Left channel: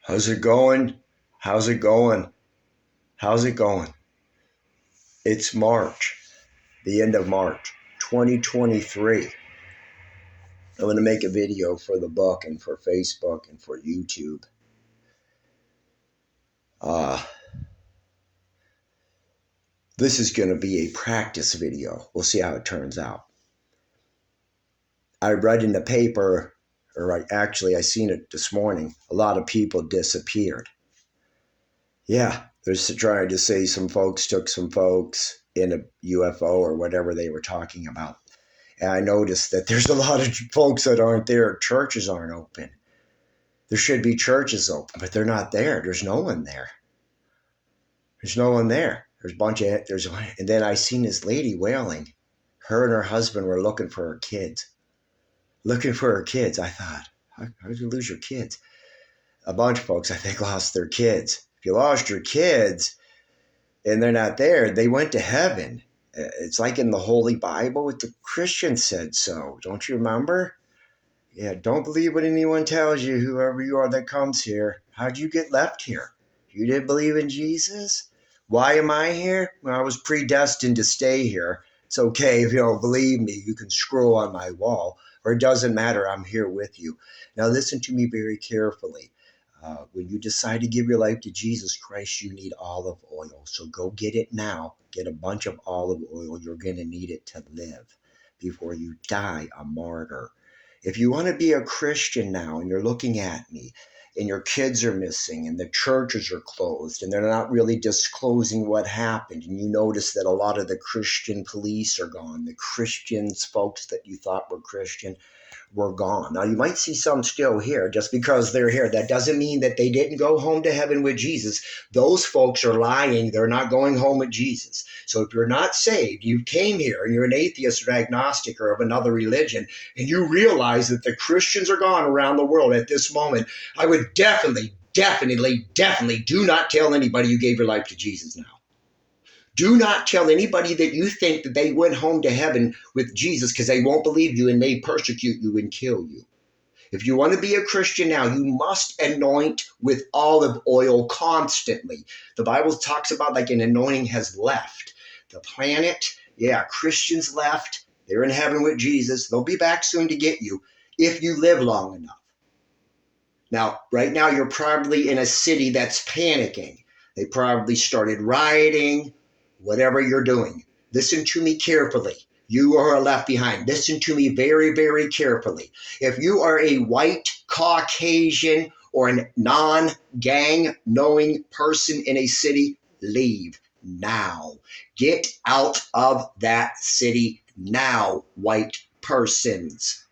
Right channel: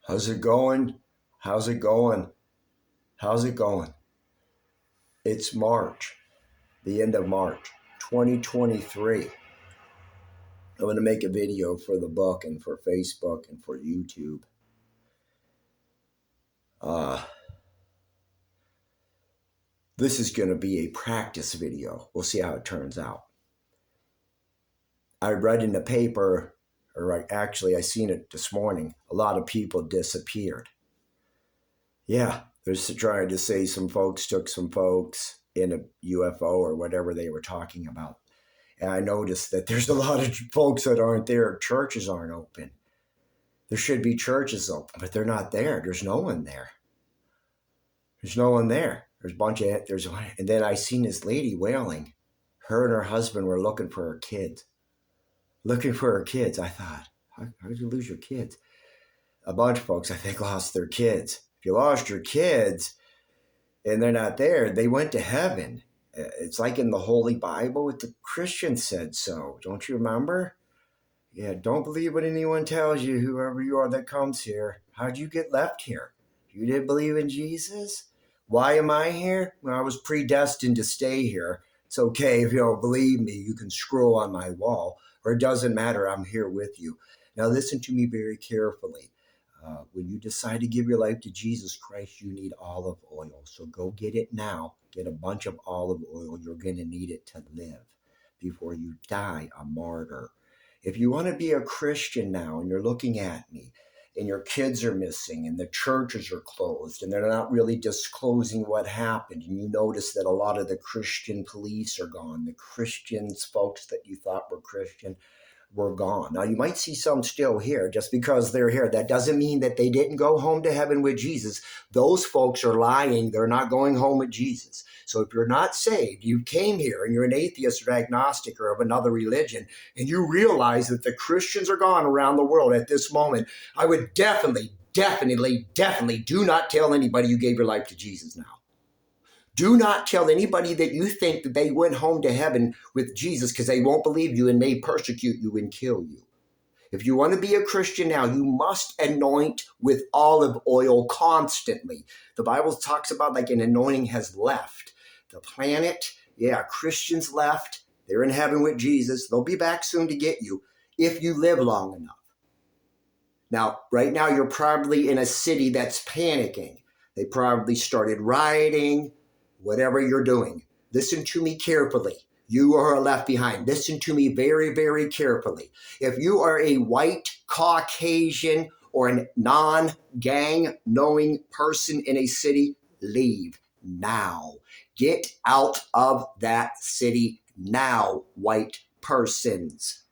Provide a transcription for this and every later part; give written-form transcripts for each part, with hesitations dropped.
How's it going? How's it going? How's it going? It's March, the end of March, 2023. I'm going to make a video for the book and for Facebook and for YouTube. This is going to be a practice video. We'll see how it turns out. I read in the paper, I seen it this morning, a lot of people disappeared. Yeah, they're trying to say some folks took some folks in a UFO or whatever they were talking about. And I noticed that there's a lot of folks that aren't there. Churches aren't open. There should be churches open, but they're not there. There's no one there. There's no one there. And then I seen this lady wailing. Her and her husband were looking for her kids. I thought, how did you lose your kids? A bunch of folks, I think, lost their kids. If you lost your kids and they're not there, they went to heaven. It's like in the Holy Bible, the Christians said so. Don't you remember? Yeah, don't believe what anyone tells you, whoever you are that comes here. How'd you get left here? You didn't believe in Jesus? Why am I here? Well, I was predestined to stay here. It's okay if you don't believe me. You can scroll on my wall, or it doesn't matter. I'm here with you. Now listen to me very carefully. When you decide to give your life to Jesus Christ, you need olive oil. So go get it now. Get a bunch of olive oil. You're going to need it to live before you die a martyr. If you want to be a Christian now and you're looking at me and your kids are missing and the churches are closed and they're not really disclosing what happened, and you notice that a lot of the Christian police are gone, the Christians, folks that you thought were Christian, were gone. Now, you might see some still here. Just because they're here, that doesn't mean that they didn't go home to heaven with Jesus. Those folks are lying. They're not going home with Jesus. So if you're not saved, you came here and you're an atheist or agnostic or of another religion, and you realize that the Christians are gone around the world at this moment, I would definitely do not tell anybody you gave your life to Jesus now. Do not tell anybody that you think that they went home to heaven with Jesus, because they won't believe you and may persecute you and kill you. If you want to be a Christian now, you must anoint with olive oil constantly. The Bible talks about like an anointing has left the planet. Yeah, Christians left. They're in heaven with Jesus. They'll be back soon to get you if you live long enough. Now, right now, you're probably in a city that's panicking. They probably started rioting. Whatever you're doing, listen to me carefully. You are left behind. Listen to me very, very carefully. If you are a white, Caucasian, or a non-gang knowing person in a city, leave now. Get out of that city now, white persons.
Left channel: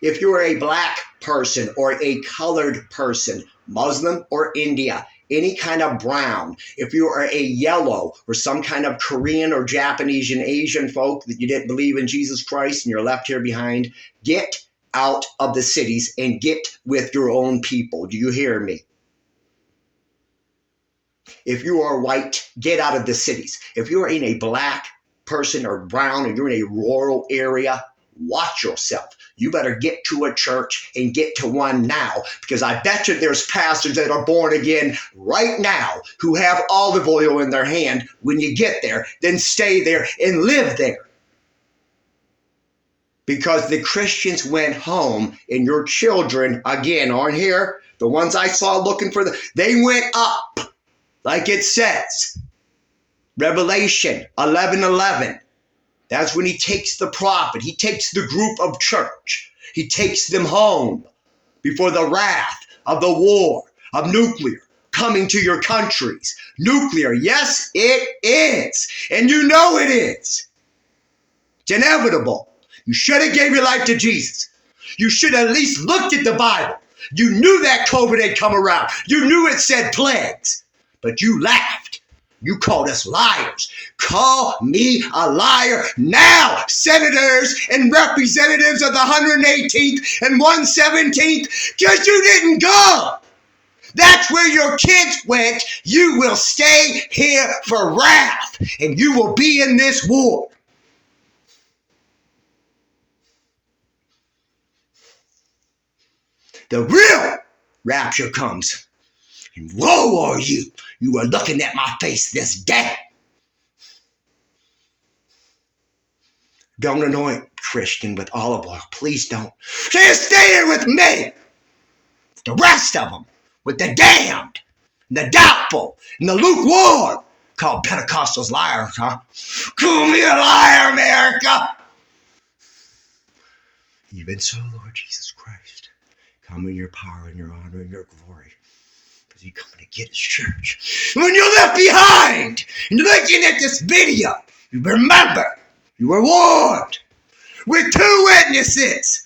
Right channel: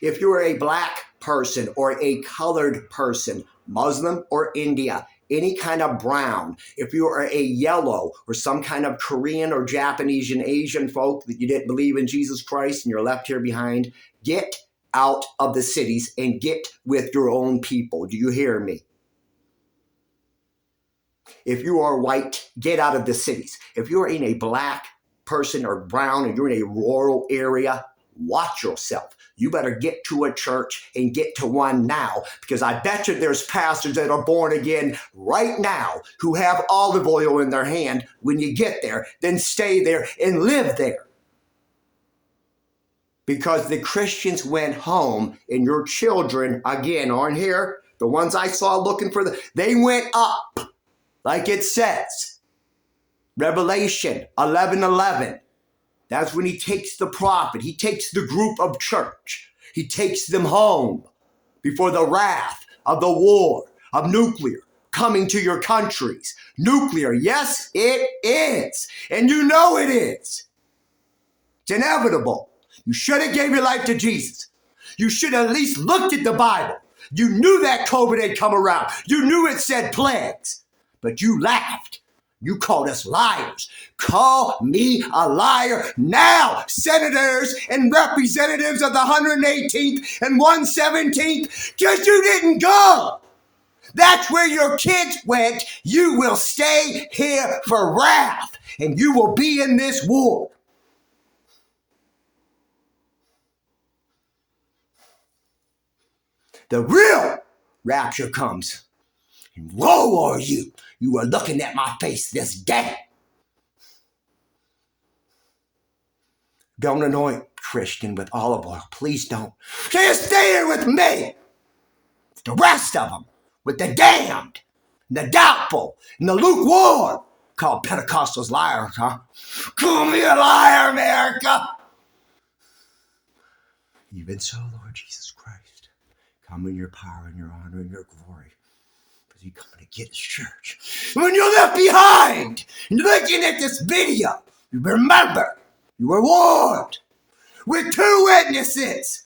If you are a black person or a colored person, Muslim or India, any kind of brown, if you are a yellow or some kind of Korean or Japanese and Asian folk that you didn't believe in Jesus Christ and you're left here behind, get out of the cities and get with your own people. Do you hear me? If you are white, get out of the cities. If you are in a black person or brown and you're in a rural area, watch yourself. You better get to a church and get to one now, because I bet you there's pastors that are born again right now who have olive oil in their hand. When you get there, then stay there and live there. Because the Christians went home and your children, again, aren't here. The ones I saw looking for, they went up, like it says. Revelation 11:11. That's when he takes the prophet. He takes the group of church. He takes them home before the wrath of the war of nuclear coming to your countries. Nuclear, yes, it is. And you know it is. It's inevitable. You should have gave your life to Jesus. You should have at least looked at the Bible. You knew that COVID had come around. You knew it said plagues, but you laughed. You called us liars. Call me a liar now, senators and representatives of the 118th and 117th, because you didn't go. That's where your kids went. You will stay here for wrath, and you will be in this war. the real rapture comes. And woe are you. You are looking at my face this day. Don't anoint Christian with olive oil. Please don't. Just stay here with me. The rest of them, with the damned, and the doubtful, and the lukewarm, called Pentecostals liars, huh? Call me a liar, America. Even so, Lord Jesus Christ, come in your power and your honor and your glory. Because you're coming to get his church. When you're left behind and looking at this video, you remember, you were warned with 2 witnesses.